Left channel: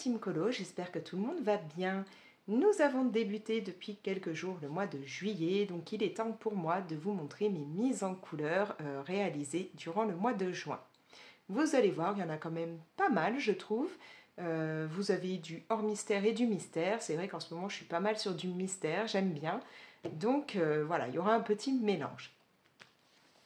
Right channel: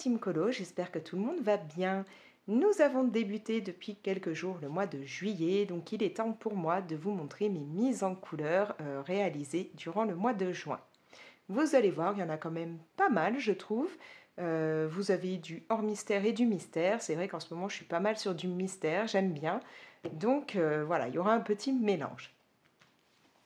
team colo, j'espère que tout le monde va bien. Nous avons débuté depuis quelques jours le mois de juillet, donc il est temps pour moi de vous montrer mes mises en couleur réalisées durant le mois de juin. Vous allez voir, il y en a quand même pas mal, je trouve. Vous avez du hors mystère et du mystère. C'est vrai qu'en ce moment, je suis pas mal sur du mystère, j'aime bien. Donc voilà, il y aura un petit mélange.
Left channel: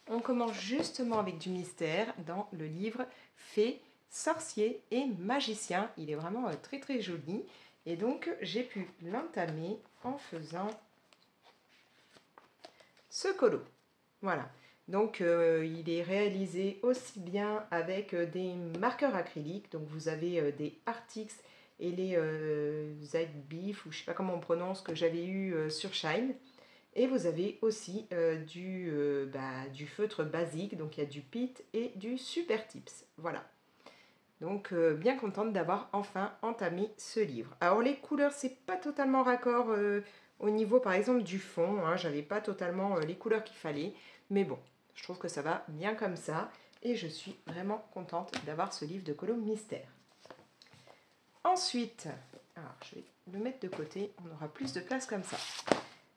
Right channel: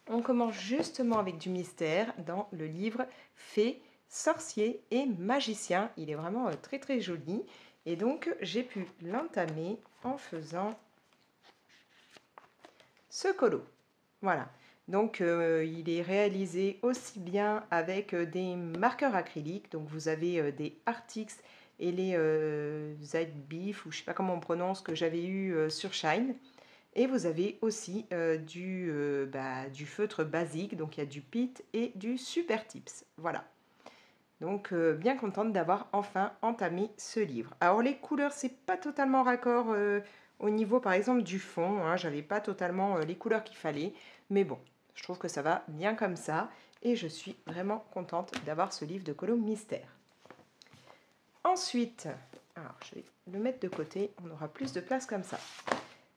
On commence justement avec du mystère dans le livre Fées, sorciers et magiciens. Il est vraiment très très joli. Et donc j'ai pu l'entamer en faisant ce colo. Voilà. Donc il est réalisé aussi bien avec des marqueurs acryliques. Donc vous avez des Artix et les Z-Beef, ou je ne sais pas comment on prononce, que j'avais eu sur Shine. Et vous avez aussi du feutre basique, donc il y a du Pitt et du Super Tips. Voilà. Donc bien contente d'avoir enfin entamé ce livre. Alors les couleurs, c'est pas totalement raccord au niveau par exemple du fond. Hein, j'avais pas totalement les couleurs qu'il fallait. Mais bon, je trouve que ça va bien comme ça. Et je suis vraiment contente d'avoir ce livre de colo mystère. Ensuite, alors je vais le mettre de côté, on aura plus de place comme ça.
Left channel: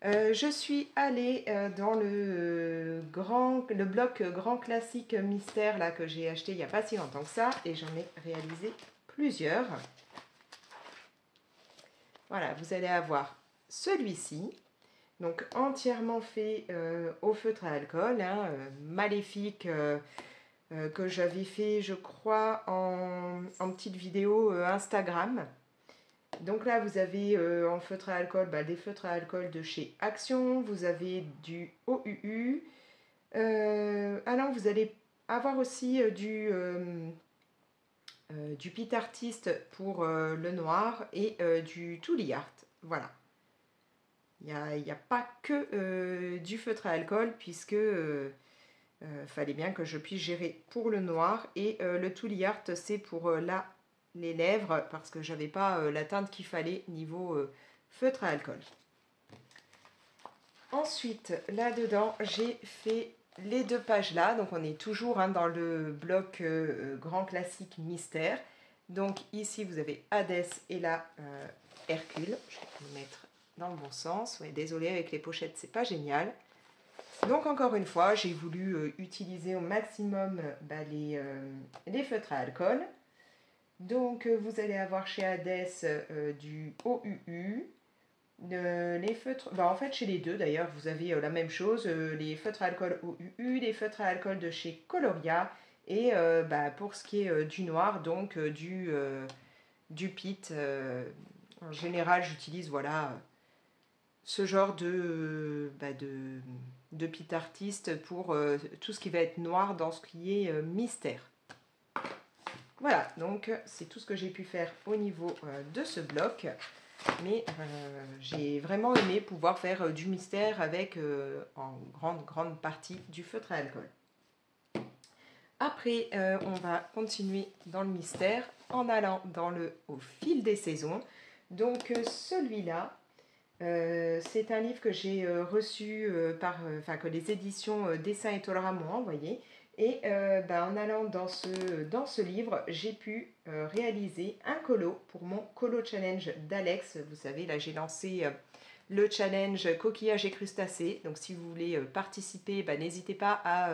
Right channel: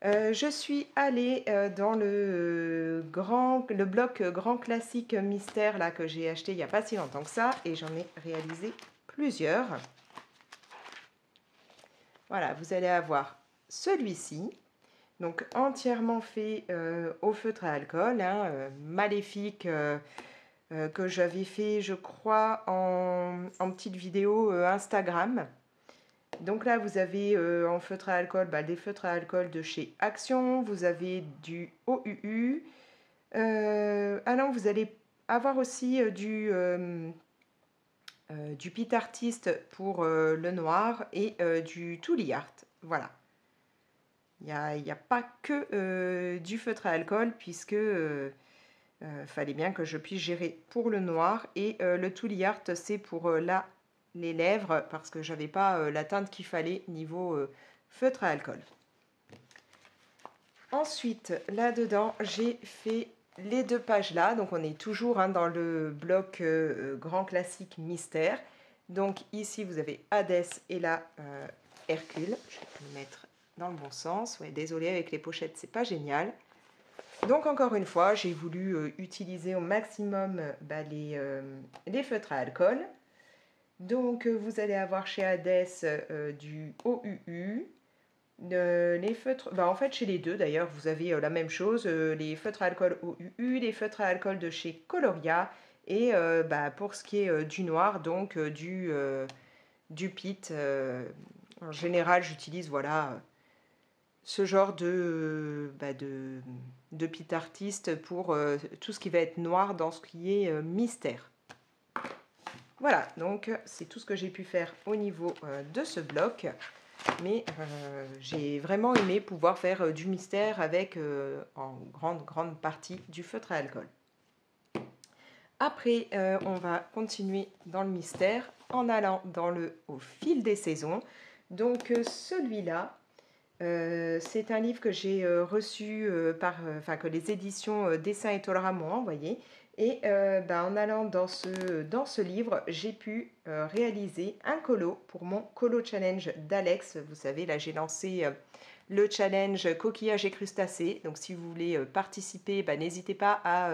Je suis allée dans le bloc grand classique mystère là, que j'ai acheté il n'y a pas si longtemps que ça, et j'en ai réalisé plusieurs. Voilà, vous allez avoir celui-ci, donc entièrement fait au feutre à alcool, hein, maléfique, que j'avais fait je crois en petite vidéo Instagram. Donc là, vous avez en feutre à alcool, des feutres à alcool de chez Action. Vous avez du OUU. Alors, vous allez avoir aussi du Pit Artist pour le noir et du Tooly Art. Voilà. Il n'y a pas que du feutre à alcool puisque fallait bien que je puisse gérer pour le noir. Et le Tooly Art, c'est pour les lèvres parce que j'avais pas la teinte qu'il fallait niveau feutre à alcool. Ensuite, là-dedans, j'ai fait les deux pages là. Donc, on est toujours dans le bloc grand classique mystère. Donc, ici, vous avez Hadès et là, Hercule. Je vais le mettre dans le bon sens. Ouais, désolée, avec les pochettes, c'est pas génial. Donc, encore une fois, j'ai voulu utiliser au maximum les feutres à alcool. Donc, vous allez avoir chez Hadès du OUU, les feutres, en fait chez les deux d'ailleurs, vous avez la même chose, les feutres à alcool OUU, les feutres à alcool de chez Coloria, et pour ce qui est du noir, donc du Pitt. En général, j'utilise voilà ce genre de Pitt artiste pour tout ce qui va être noir dans ce qui est mystère. Voilà, donc c'est tout ce que j'ai pu faire au niveau de ce bloc. Mais j'ai vraiment aimé pouvoir faire du mystère avec en grande partie du feutre à alcool. Après, on va continuer dans le mystère en allant au fil des saisons. Donc celui-là, c'est un livre que j'ai reçu que les éditions Dessin et Tolera m'ont envoyé. Et en allant dans ce livre, j'ai pu réaliser un colo pour mon colo challenge d'Alex. Vous savez, là j'ai lancé le challenge coquillage et crustacés. Donc si vous voulez participer, n'hésitez pas à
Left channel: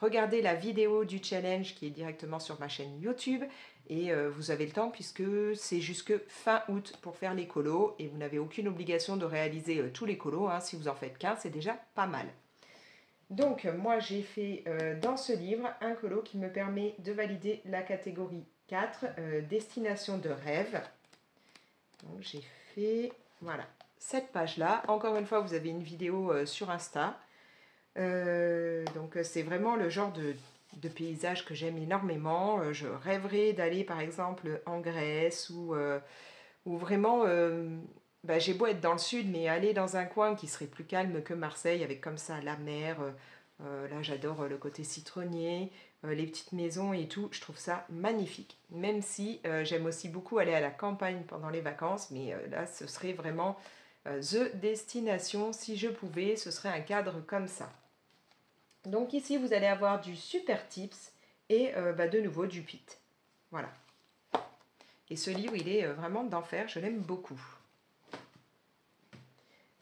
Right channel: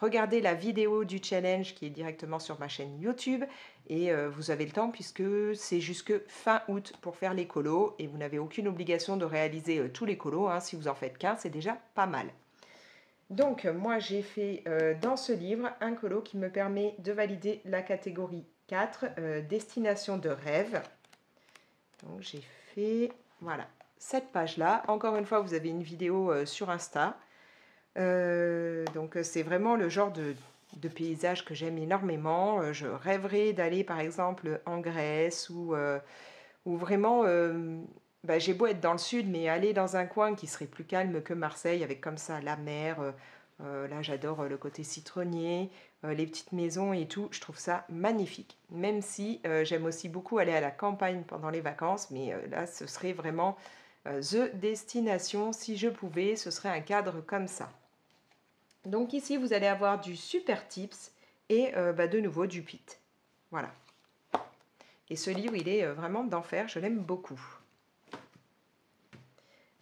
regarder la vidéo du challenge qui est directement sur ma chaîne YouTube. Et vous avez le temps puisque c'est jusque fin août pour faire les colos. Et vous n'avez aucune obligation de réaliser tous les colos. Hein. Si vous en faites qu'un, c'est déjà pas mal. Donc, moi, j'ai fait dans ce livre un colo qui me permet de valider la catégorie 4, destination de rêve. Donc, j'ai fait, voilà, cette page-là. Encore une fois, vous avez une vidéo sur Insta. Donc, c'est vraiment le genre de paysage que j'aime énormément. Je rêverais d'aller, par exemple, en Grèce ou vraiment... j'ai beau être dans le sud, mais aller dans un coin qui serait plus calme que Marseille, avec comme ça la mer. Là, j'adore le côté citronnier, les petites maisons et tout. Je trouve ça magnifique. Même si j'aime aussi beaucoup aller à la campagne pendant les vacances, mais là, ce serait vraiment the destination. Si je pouvais, ce serait un cadre comme ça. Donc ici, vous allez avoir du Super Tips et de nouveau du Pitt. Voilà. Et ce livre, il est vraiment d'enfer, je l'aime beaucoup.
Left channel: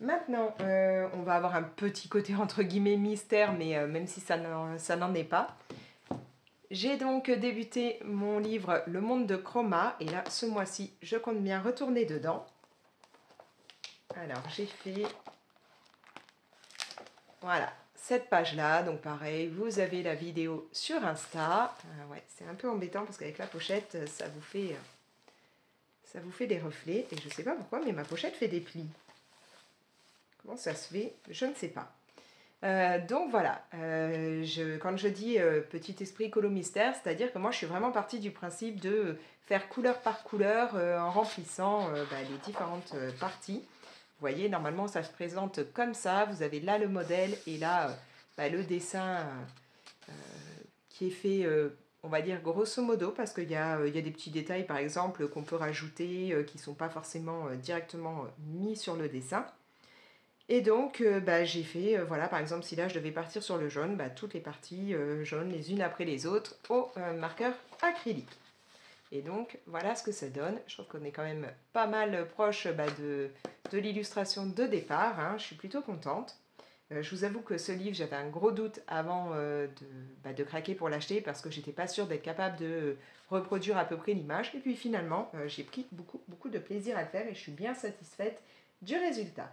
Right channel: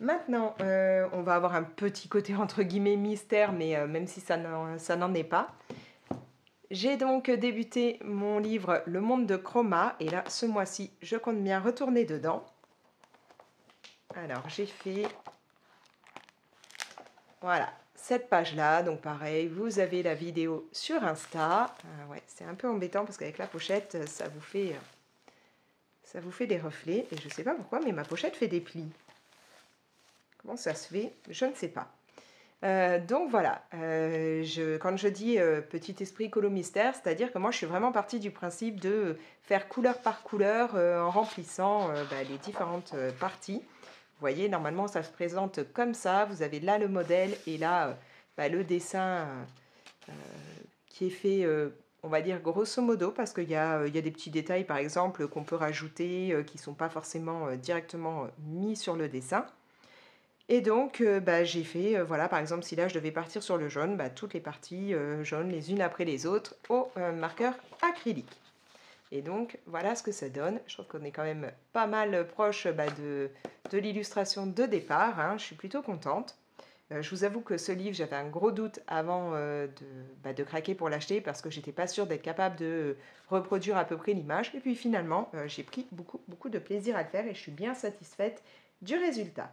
Maintenant, on va avoir un petit côté entre guillemets mystère, mais même si ça n'en est pas. J'ai donc débuté mon livre Le Monde de Chroma, et là, ce mois-ci, je compte bien retourner dedans. Alors, j'ai fait, voilà, cette page-là. Donc, pareil, vous avez la vidéo sur Insta. Ouais, c'est un peu embêtant parce qu'avec la pochette, ça vous fait des reflets. Et je ne sais pas pourquoi, mais ma pochette fait des plis. Comment ça se fait? Je ne sais pas. Donc voilà, quand je dis petit esprit colo mystère, c'est-à-dire que moi je suis vraiment partie du principe de faire couleur par couleur en remplissant les différentes parties. Vous voyez, normalement ça se présente comme ça, vous avez là le modèle et là le dessin qui est fait, on va dire grosso modo, parce qu'il y a des petits détails par exemple qu'on peut rajouter qui ne sont pas forcément directement mis sur le dessin. Et donc, j'ai fait, voilà, par exemple, si là je devais partir sur le jaune, toutes les parties jaunes les unes après les autres au marqueur acrylique. Et donc, voilà ce que ça donne. Je trouve qu'on est quand même pas mal proche de l'illustration de départ, hein. Je suis plutôt contente. Je vous avoue que ce livre, j'avais un gros doute avant de craquer pour l'acheter parce que j'étais pas sûre d'être capable de reproduire à peu près l'image. Et puis finalement, j'ai pris beaucoup de plaisir à le faire et je suis bien satisfaite du résultat.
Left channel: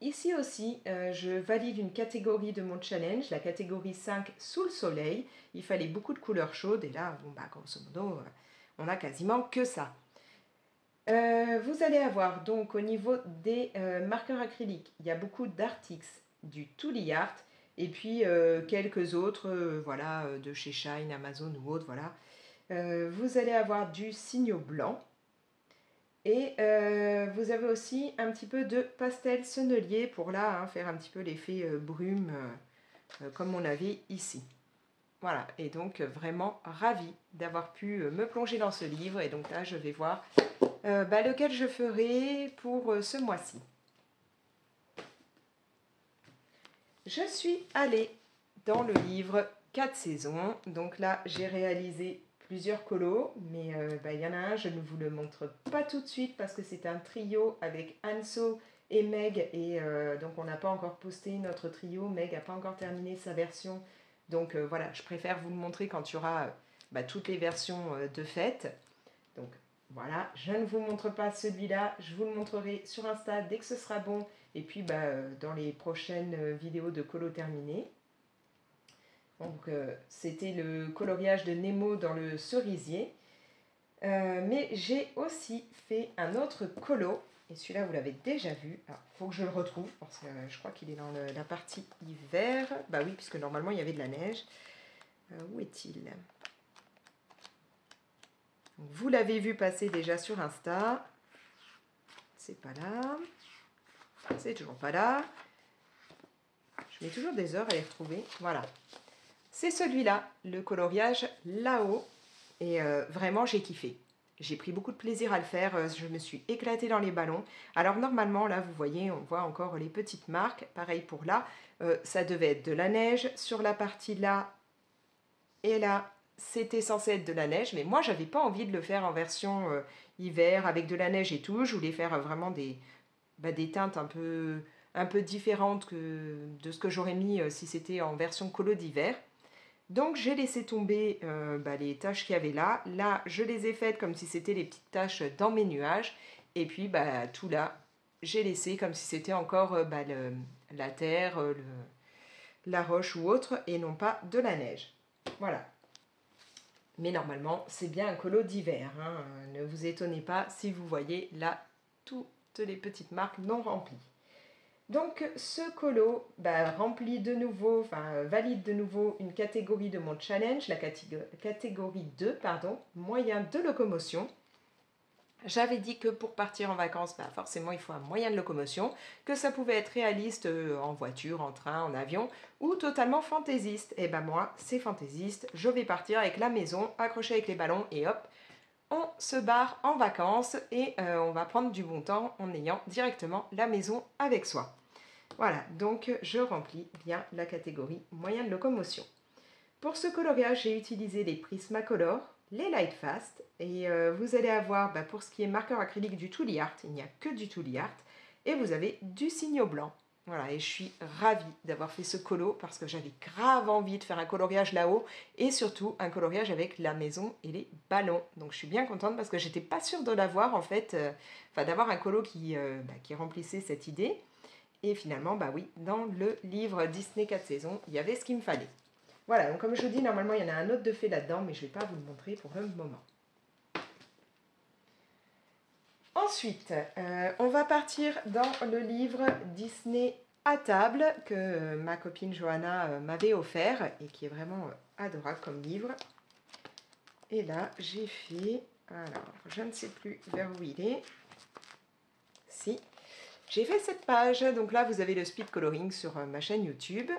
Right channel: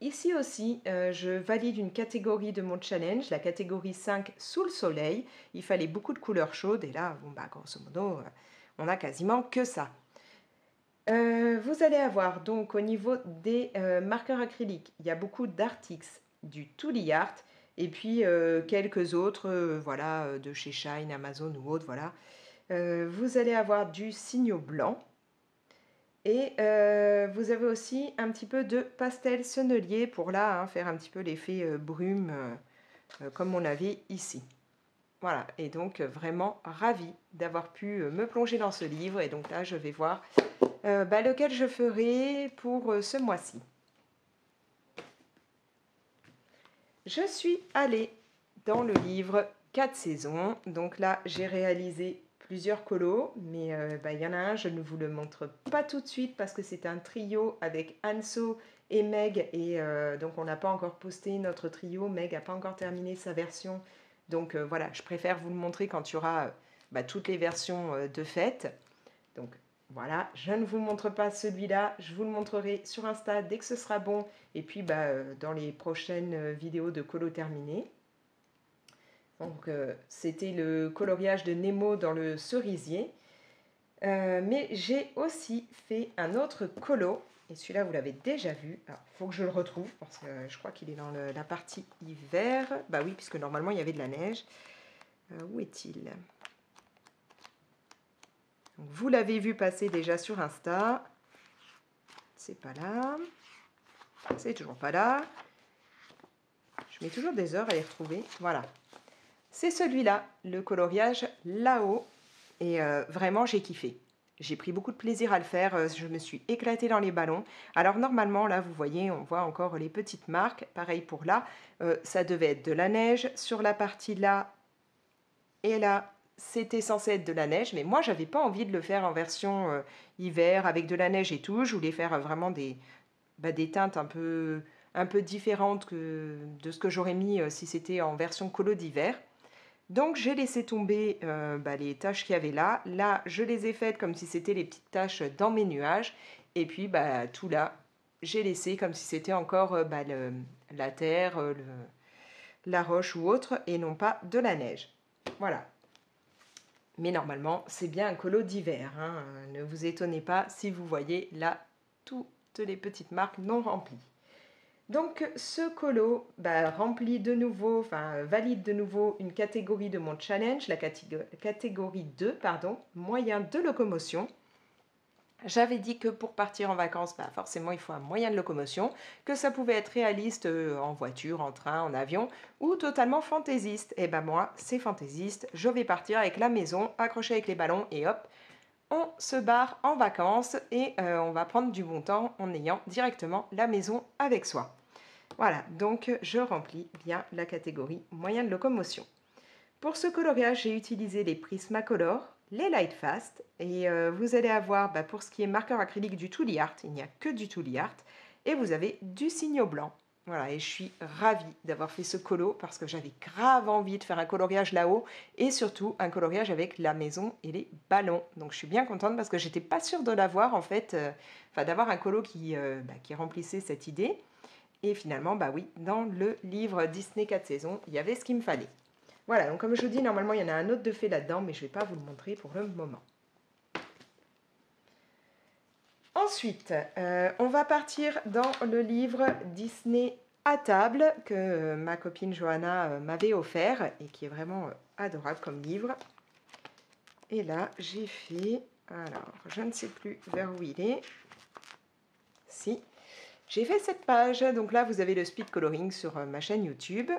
Ici aussi, je valide une catégorie de mon challenge, la catégorie 5 sous le soleil. Il fallait beaucoup de couleurs chaudes et là, grosso modo, on a quasiment que ça. Vous allez avoir donc au niveau des marqueurs acryliques, il y a beaucoup d'Artix, du Tooly Art et puis quelques autres, de chez Shine, Amazon ou autres, voilà. Vous allez avoir du Signo blanc. Et vous avez aussi un petit peu de pastel sennelier pour là, faire un petit peu l'effet brume comme on avait ici. Voilà, et donc vraiment ravie d'avoir pu me plonger dans ce livre. Et donc là, je vais voir lequel je ferai pour ce mois-ci. Je suis allée dans le livre 4 saisons. Donc là, j'ai réalisé plusieurs colos, mais il y en a un, je ne vous le montre pas tout de suite parce que c'est un trio avec Anso et Meg, et donc on n'a pas encore posté notre trio. Meg n'a pas encore terminé sa version, donc voilà, je préfère vous le montrer quand il y aura toutes les versions de fête. Donc voilà, je ne vous montre pas celui-là, je vous le montrerai sur Insta dès que ce sera bon, et puis dans les prochaines vidéos de colo terminées. Donc c'était le coloriage de Nemo dans le cerisier. Mais j'ai aussi fait un autre colo, et celui-là vous l'avez déjà vu. Il faut que je le retrouve parce que je crois qu'il est dans la partie hiver. Bah oui, puisque normalement il y avait de la neige. Où est-il? Vous l'avez vu passer déjà sur Insta. C'est pas là. C'est toujours pas là. Je mets toujours des heures à y retrouver. Voilà. C'est celui-là, le coloriage là-haut. Et vraiment, j'ai kiffé. J'ai pris beaucoup de plaisir à le faire. Je me suis éclatée dans les ballons. Alors normalement, là, vous voyez, on voit encore les petites marques. Pareil pour là. Ça devait être de la neige. Sur la partie là et là, c'était censé être de la neige. Mais moi, j'avais pas envie de le faire en version hiver avec de la neige et tout. Je voulais faire vraiment des teintes un peu différentes de ce que j'aurais mis si c'était en version colo d'hiver. Donc j'ai laissé tomber les taches qu'il y avait là. Là, je les ai faites comme si c'était les petites taches dans mes nuages. Et puis tout là, j'ai laissé comme si c'était encore la terre, la roche ou autre, et non pas de la neige. Voilà. Mais normalement, c'est bien un colo d'hiver, hein. Ne vous étonnez pas si vous voyez là toutes les petites marques non remplies. Donc ce colo remplit de nouveau, valide de nouveau une catégorie de mon challenge, la catégorie 2, moyen de locomotion. J'avais dit que pour partir en vacances, forcément il faut un moyen de locomotion, que ça pouvait être réaliste en voiture, en train, en avion, ou totalement fantaisiste. Et moi, c'est fantaisiste, je vais partir avec la maison, accrochée avec les ballons, et hop, on se barre en vacances, et on va prendre du bon temps en ayant directement la maison avec soi. Voilà, donc je remplis bien la catégorie moyen de locomotion. Pour ce coloriage, j'ai utilisé les Prismacolor. les Light Fast. Et vous allez avoir, pour ce qui est marqueur acrylique, du Tooly Art. Il n'y a que du Tooly Art. Et vous avez du Signo blanc. Voilà, et je suis ravie d'avoir fait ce colo parce que j'avais grave envie de faire un coloriage là-haut et surtout un coloriage avec la maison et les ballons. Donc je suis bien contente parce que j'étais pas sûre de l'avoir en fait, d'avoir un colo qui remplissait cette idée. Et finalement, oui, dans le livre Disney 4 saisons, il y avait ce qu'il me fallait. Voilà, donc comme je vous dis, normalement il y en a un autre de fait là-dedans, mais je ne vais pas vous le montrer pour le moment. Ensuite, on va partir dans le livre Disney à table que ma copine Johanna m'avait offert et qui est vraiment adorable comme livre. Et là, j'ai fait, alors je ne sais plus vers où il est. Si, j'ai fait cette page. Donc là, vous avez le speed coloring sur ma chaîne YouTube.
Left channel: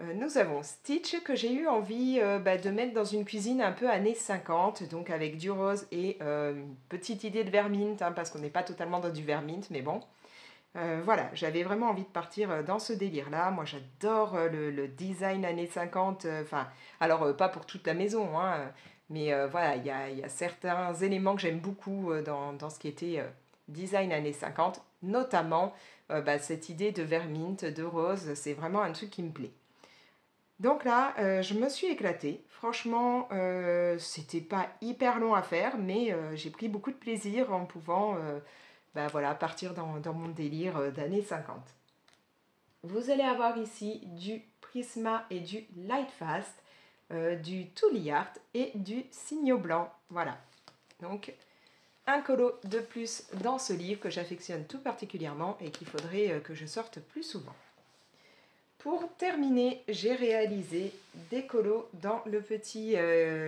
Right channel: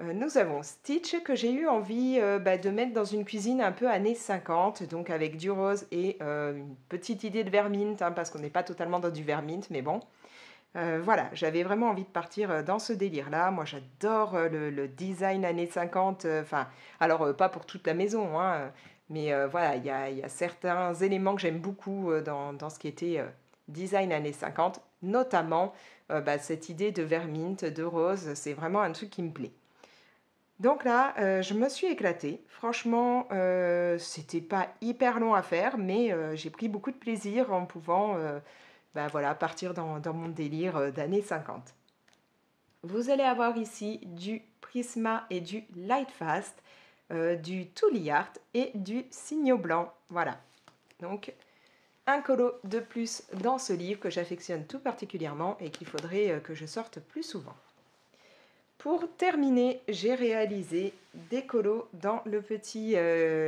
Nous avons Stitch que j'ai eu envie de mettre dans une cuisine un peu années 50, donc avec du rose et une petite idée de vermint, parce qu'on n'est pas totalement dans du vermint, mais bon. Voilà, j'avais vraiment envie de partir dans ce délire-là. Moi, j'adore le design années 50, alors pas pour toute la maison, mais voilà, il y a certains éléments que j'aime beaucoup dans ce qui était design années 50, notamment cette idée de vermint, de rose, c'est vraiment un truc qui me plaît. Donc là, je me suis éclatée. Franchement, c'était pas hyper long à faire, mais j'ai pris beaucoup de plaisir en pouvant partir dans mon délire d'années 50. Vous allez avoir ici du Prisma et du Lightfast, du Tooly Art et du Signo blanc. Voilà. Donc, un colo de plus dans ce livre que j'affectionne tout particulièrement et qu'il faudrait que je sorte plus souvent. Pour terminer, j'ai réalisé des colos dans le petit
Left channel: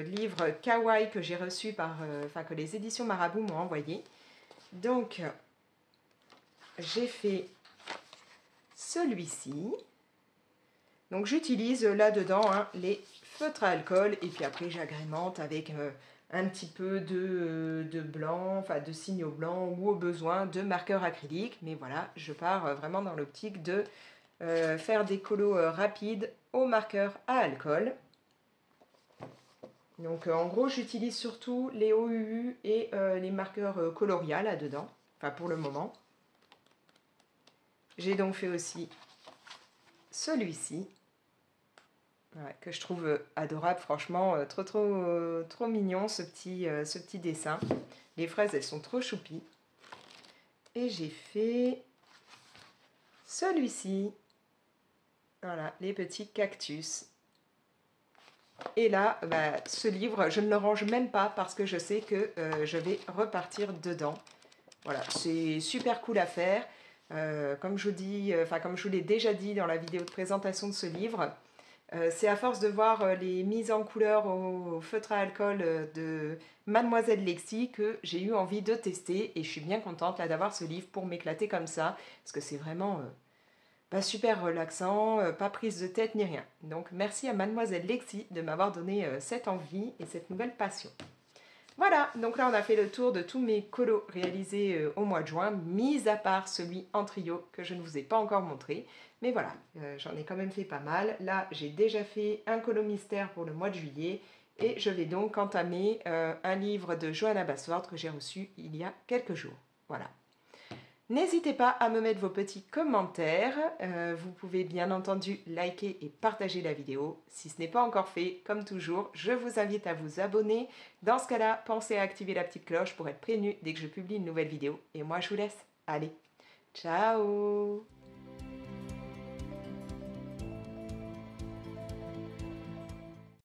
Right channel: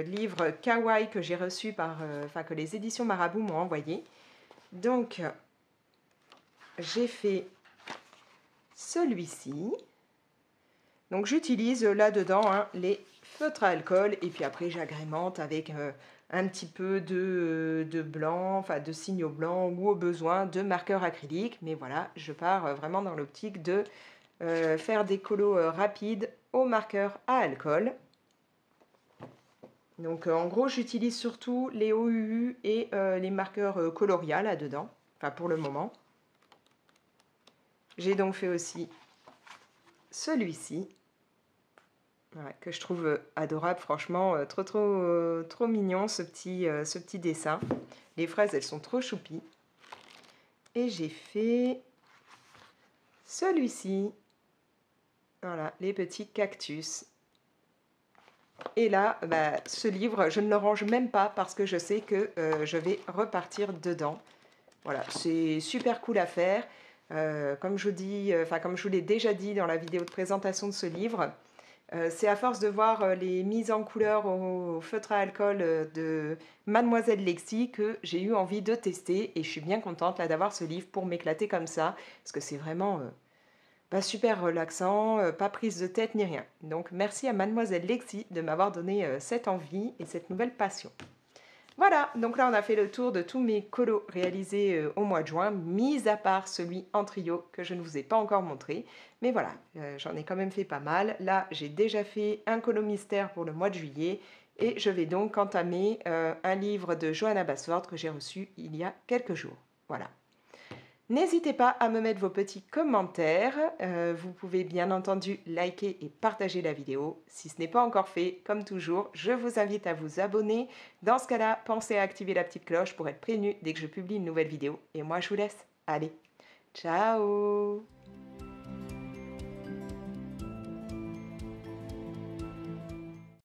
livre Kawaii que j'ai reçu que les éditions Marabout m'ont envoyé. Donc, j'ai fait celui-ci. Donc, j'utilise là-dedans les feutres à alcool et puis après, j'agrémente avec un petit peu de blanc, de signaux blancs ou au besoin de marqueurs acryliques. Mais voilà, je pars vraiment dans l'optique de faire des colos rapides au marqueur à alcool. Donc en gros, j'utilise surtout les OUU et les marqueurs coloria là-dedans, pour le moment. J'ai donc fait aussi celui-ci, que je trouve adorable, franchement, trop mignon ce petit dessin. Les fraises, elles sont trop choupies. Et j'ai fait celui-ci. Voilà, les petits cactus. Et là, ce livre, je ne le range même pas parce que je sais que je vais repartir dedans. Voilà, c'est super cool à faire. Comme je vous l'ai déjà dit dans la vidéo de présentation de ce livre, c'est à force de voir les mises en couleur au feutre à alcool de Mademoiselle Lexi que j'ai eu envie de tester. Et je suis bien contente là d'avoir ce livre pour m'éclater comme ça. Parce que c'est vraiment super relaxant, pas prise de tête ni rien. Donc merci à Mademoiselle Lexi de m'avoir donné cette envie et cette nouvelle passion. Voilà, donc là on a fait le tour de tous mes colos réalisés au mois de juin, mis à part celui en trio que je ne vous ai pas encore montré. Mais voilà, j'en ai quand même fait pas mal. Là j'ai déjà fait un colo mystère pour le mois de juillet et je vais donc entamer un livre de Johanna Basford que j'ai reçu il y a quelques jours. Voilà. N'hésitez pas à me mettre vos petits commentaires. Vous pouvez bien entendu liker et partager la vidéo. Si ce n'est pas encore fait, comme toujours, je vous invite à vous abonner. Dans ce cas-là, pensez à activer la petite cloche pour être prévenu dès que je publie une nouvelle vidéo. Et moi, je vous laisse. Allez, ciao!